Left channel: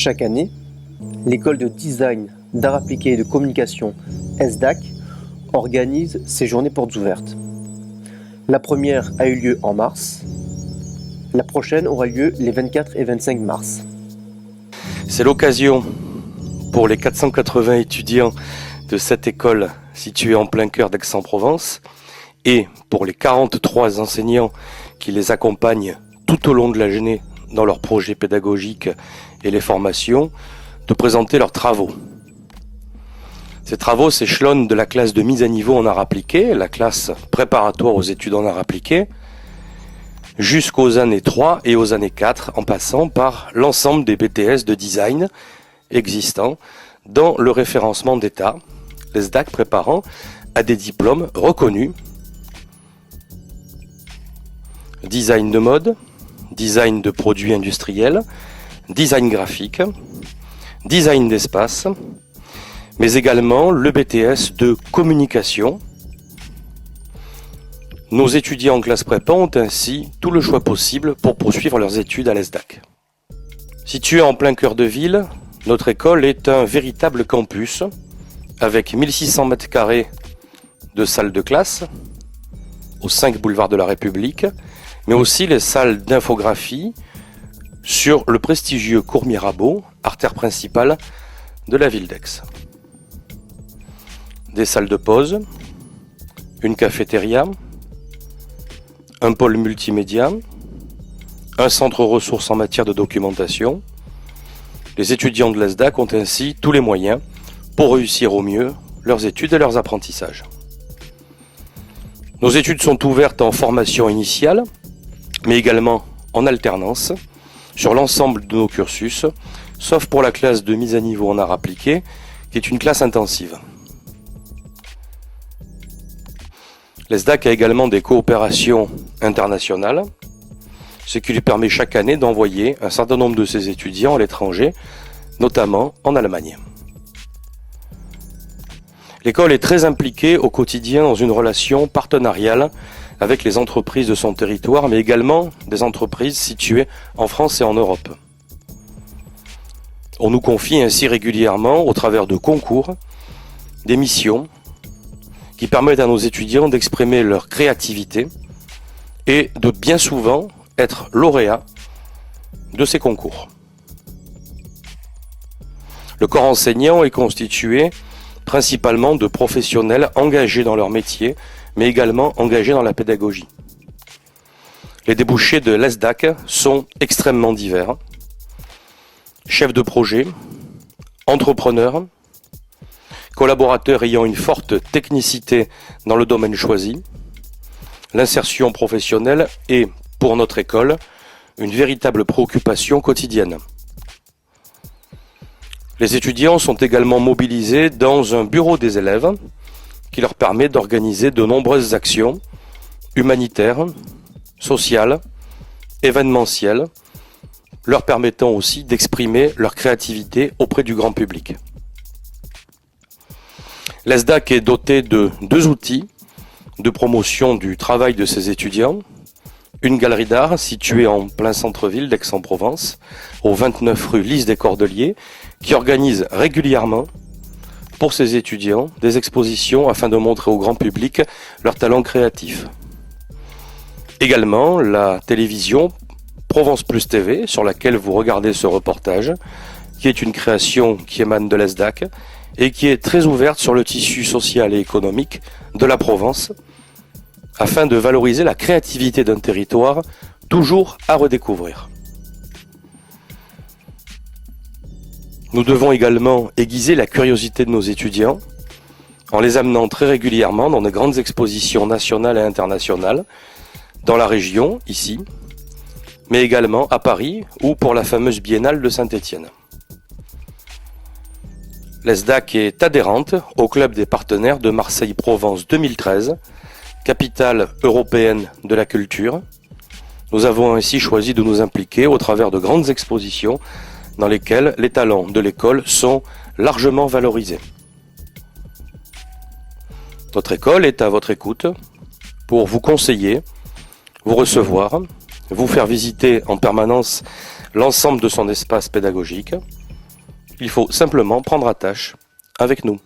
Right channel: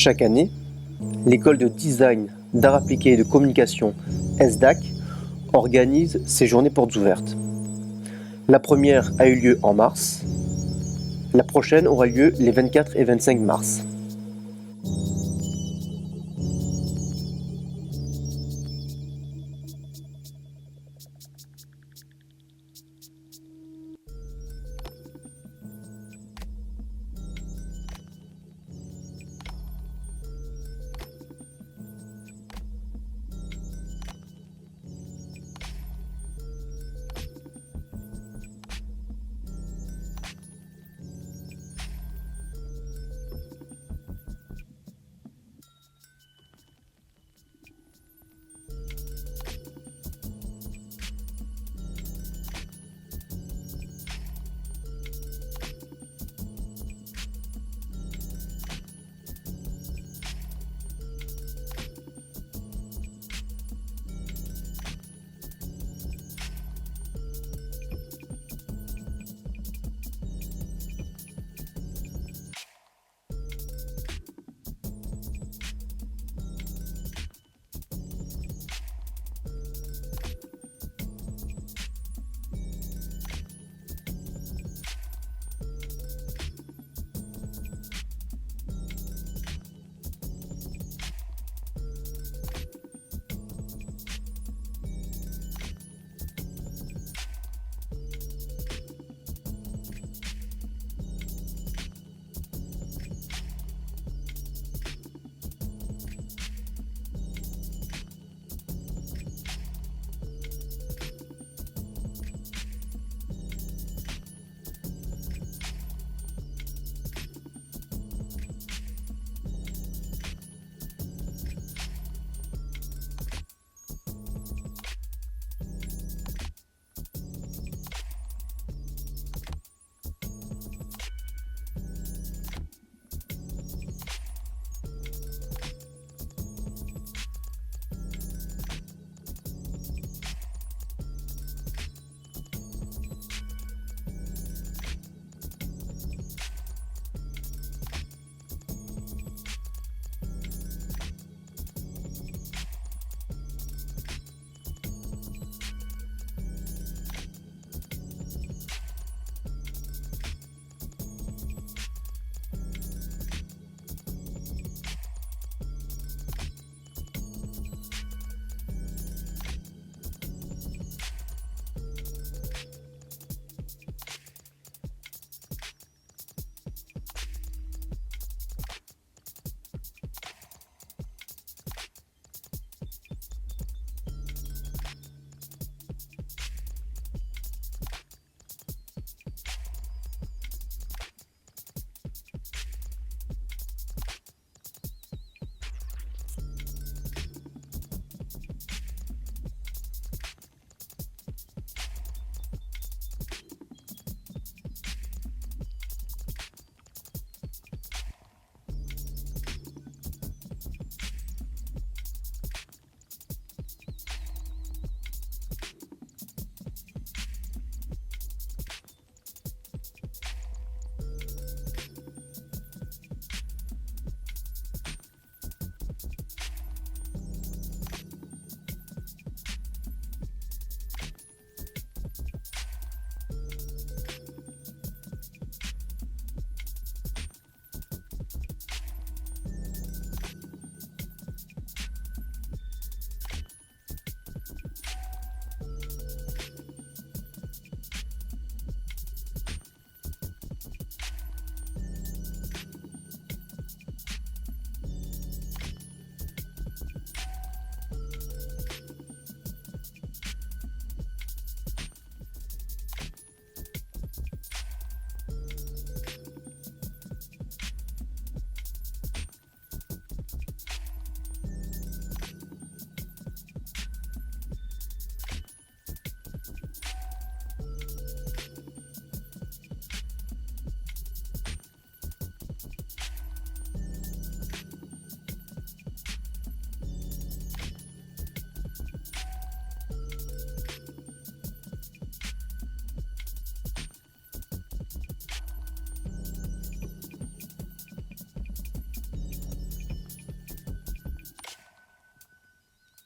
Chaque année, l'école de design, d'art appliqué et de communication ESDAC organise ses journées portes ouvertes. La première a eu lieu en mars. La prochaine aura lieu les 24 et 25 mars. C'est l'occasion pour les 480 étudiants de cette école située en plein cœur d'Aix-en-Provence et pour les 43 enseignants qui les accompagnent tout au long de la journée dans leurs projets pédagogiques et les formations, de présenter leurs travaux. Ces travaux s'échelonnent de la classe de mise à niveau en art appliqué, la classe préparatoire aux études en art appliqué, jusqu'aux années 3 et aux années 4, en passant par l'ensemble des BTS de design existants dans le référencement d'État, les SDAC préparant à des diplômes reconnus. Design de mode, design de produits industriels, design graphique, design d'espace, mais également le BTS de communication. Nos étudiants en classe prépa ont ainsi tout le choix possible pour poursuivre leurs études à l'ESDAC. Située en plein cœur de ville, notre école est un véritable campus avec 1600 m² de salles de classe aux 5 boulevards de la République, mais aussi les salles d'infographie sur le prestigieux cours Mirabeau, artère principale de la ville d'Aix. Des salles de pause, une cafétéria, un pôle multimédia, un centre ressources en matière de documentation. Les étudiants de l'ESDAC ont ainsi tous les moyens pour réussir au mieux leurs études et leurs apprentissages. Nos études sont ouvertes en formation initiale, mais également en alternance, sur l'ensemble de nos cursus, sauf pour la classe de mise à niveau en art appliqué, qui est une classe intensive. L'ESDAC a également des coopérations internationales, ce qui lui permet chaque année d'envoyer un certain nombre de ses étudiants à l'étranger, notamment en Allemagne. L'école est très impliquée au quotidien dans une relation partenariale avec les entreprises de son territoire, mais également des entreprises situées en France et en Europe. On nous confie ainsi régulièrement, au travers de concours, des missions qui permettent à nos étudiants d'exprimer leur créativité et de bien souvent être lauréats de ces concours. Le corps enseignant est constitué principalement de professionnels engagés dans leur métier, mais également engagés dans la pédagogie. Les débouchés de l'ESDAC sont extrêmement divers. Chefs de projet, entrepreneurs, collaborateurs ayant une forte technicité dans le domaine choisi, l'insertion professionnelle est, pour notre école, une véritable préoccupation quotidienne. Les étudiants sont également mobilisés dans un bureau des élèves qui leur permet d'organiser de nombreuses actions humanitaires, sociales, événementielles, leur permettant aussi d'exprimer leur créativité auprès du grand public. L'ESDAC est doté de 2 outils de promotion du travail de ses étudiants. Une galerie d'art située en plein centre-ville d'Aix-en-Provence, au 29 rue Lys des Cordeliers, qui organise régulièrement pour ses étudiants des expositions afin de montrer au grand public leurs talents créatifs. Également la télévision Provence Plus TV, sur laquelle vous regardez ce reportage, qui est une création qui émane de l'ESDAC et qui est très ouverte sur le tissu social et économique de la Provence, afin de valoriser la créativité d'un territoire toujours à redécouvrir. Nous devons également aiguiser la curiosité de nos étudiants en les amenant très régulièrement dans de grandes expositions nationales et internationales, dans la région, ici, mais également à Paris ou pour la fameuse Biennale de Saint-Étienne. L'ESDAC est adhérente au Club des partenaires de Marseille-Provence 2013, capitale européenne de la culture. Nous avons ainsi choisi de nous impliquer au travers de grandes expositions dans lesquelles les talents de l'école sont largement valorisés. Notre école est à votre écoute pour vous conseiller, vous recevoir, vous faire visiter en permanence l'ensemble de son espace pédagogique Il faut simplement prendre attache avec nous.